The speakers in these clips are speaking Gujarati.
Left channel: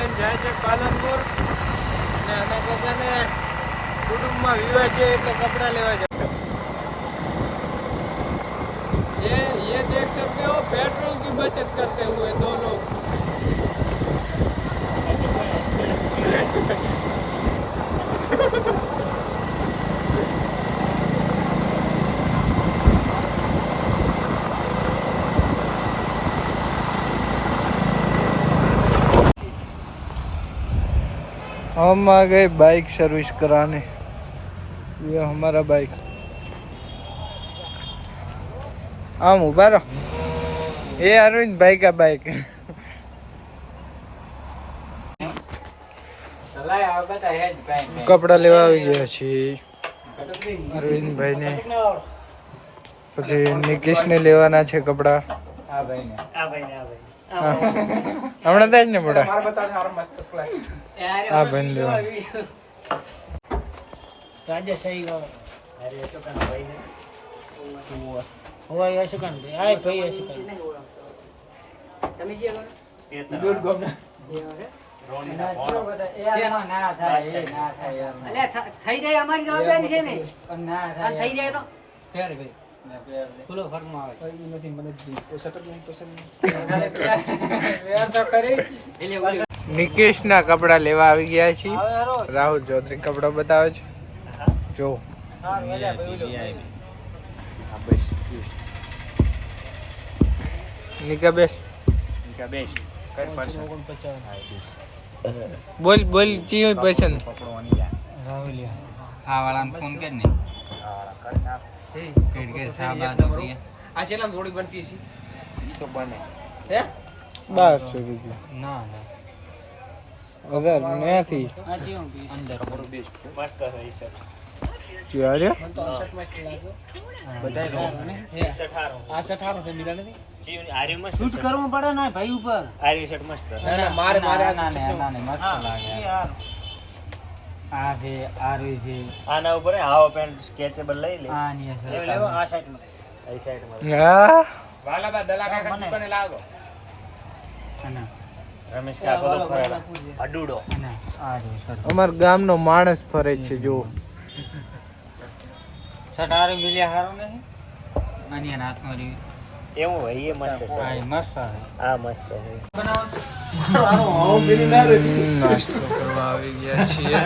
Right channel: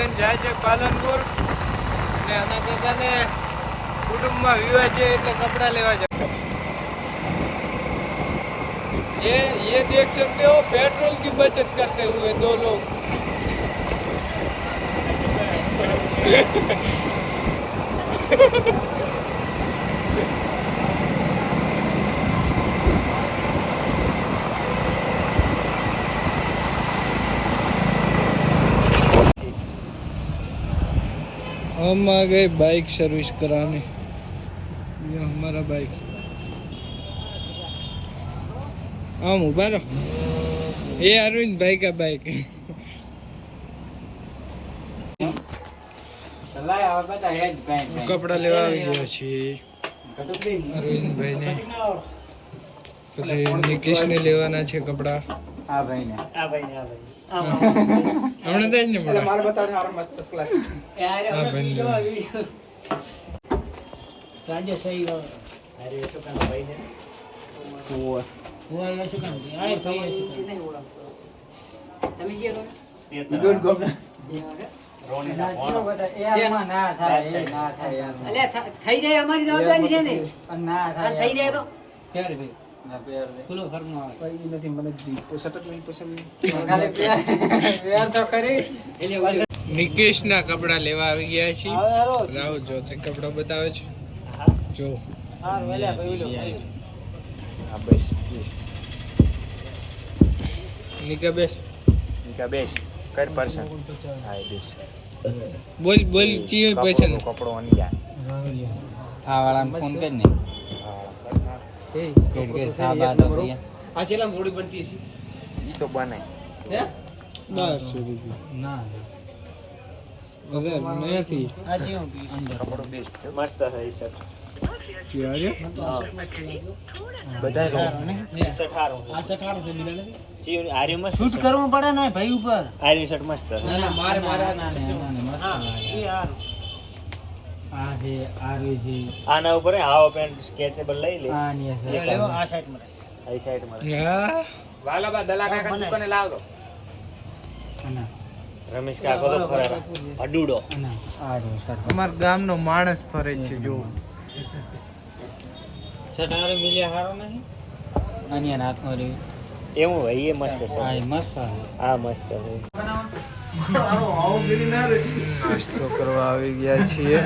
લઈને જાય છે પાલનપુર અને આના કાકાને कुटुंब में विवाह है એટલે कपड़ा लेवा जाए। ये देख सकते हो पेट्रोल की बचत करते हुए दो लोग। हम आ गए बाइक सर्विस कराने। ये हमारा बाइक आम उभा रहो। ये अरविंद भाई का बाइक है। कपड़ा लेवा गया छी अरविंद भाई ने પછી નિકેશ ને લેવાના છે કપડા। આ ભાઈ ને હમણાં થાય ને મોડા માર બતાવજો આ મસ્ત ક્લાસ આ ભાઈ લેવા રાજે સહી ગયો। અરે શું કામ ભાઈ ને હોય શું કામ આય ભાઈ શું કામ તમે જે એ દૂર ગોમના થઈ જાય અમારી જવાબદારી છે ને ના થઈ જાય તો ક્યારે ભાઈ ફૂલો ફરમા આવે કોઈ નથી મને પોસટ જ નહીં પસંદ યાર તો કરી એટલે નિકેશ ના કપડા લેવા આવી ગયા છે। રાહુલ ચૌધરી કપડા બતાવે છે જો નિકા બેસ કર પસંદ બોલ બોલ ચીયો પસંદ કપડો આની રાહુલ આ વાળાને ફોન કર ને આ ચેલા થોડી બનતી છે ઈ તો બને હે 1200 રૂપિયા ના અગર નથી આ જે અંદર મસ્ત છે ઈ સર ક્યારે મને તો શર્ટ મસ્ત લાગ્યો બધા આ 18 છે મિલા નથી જી આર્ય માં શૂટ કરવું પડે ને ભાઈ ઉપર આર્ય શર્ટ મસ્ત છે ના મારે ના મસ્ત લાગે યાર આ છે આર્ય છે આના ઉપર હાવ પેન્ટ સ્કેચેબલ લઈ લે આ ની છે લેવો આ સાઈડ માં આ સાઈડ માં હા વાલાબા દલા કાકા દુકાને લાવ દો અને રમેશ કાકા અડુડો અને આ જો શર્ટ અમાર ગામનો માણસ ફરે છે જો સટારે મિલ્યા હારો નહીં આની હાથમાં રે એવું હોય એ મસ્ત છે આ મસ્ત છે આ મસ્ત છે નાસ્તો કરવા આવી ગયા છીએ।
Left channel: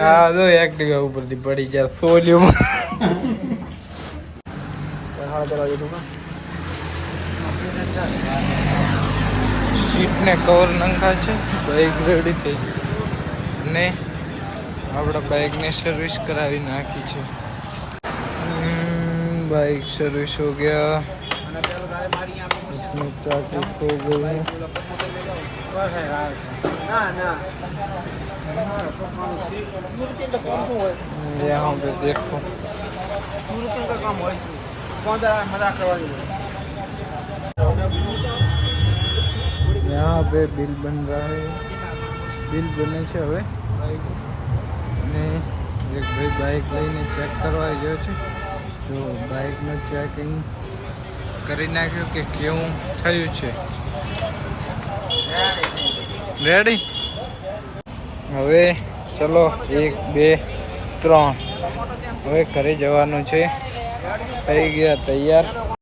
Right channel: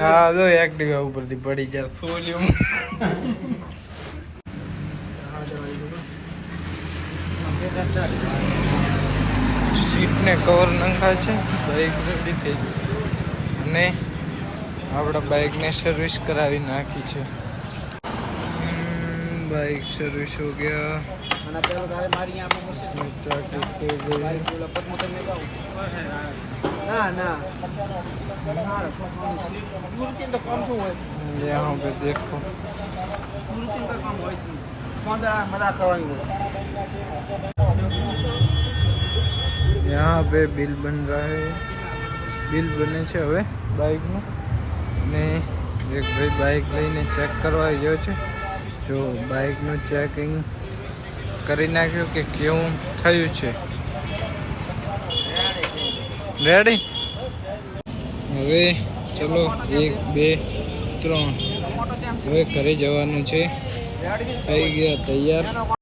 હા જો એક્ટિવા ઉપરથી પડી ગયા સોલિયમ સીટને કવર નંખા છે બાઇક રેડી થઈ ગઈ અને આપણા બાઇકને સર્વિસ કરાવી નાખી છે। बाइक सर्विस हो गया इसमें चाकी खो गई यहाँ पे देखो यहाँ पे बिल बन रहा है। बिल बने છે હવે બાઇકનું અને એક ભાઈ બાઇક લઈને ચેક કરવા ગયો છે। જો બાઇકનું ચેકિંગ કરી નાખ્યું કે કેવું થયું છે। રેડી હવે ચલો 1 2 3 હવે ઘરે જવાનું છે। થઈ ગયા તૈયાર।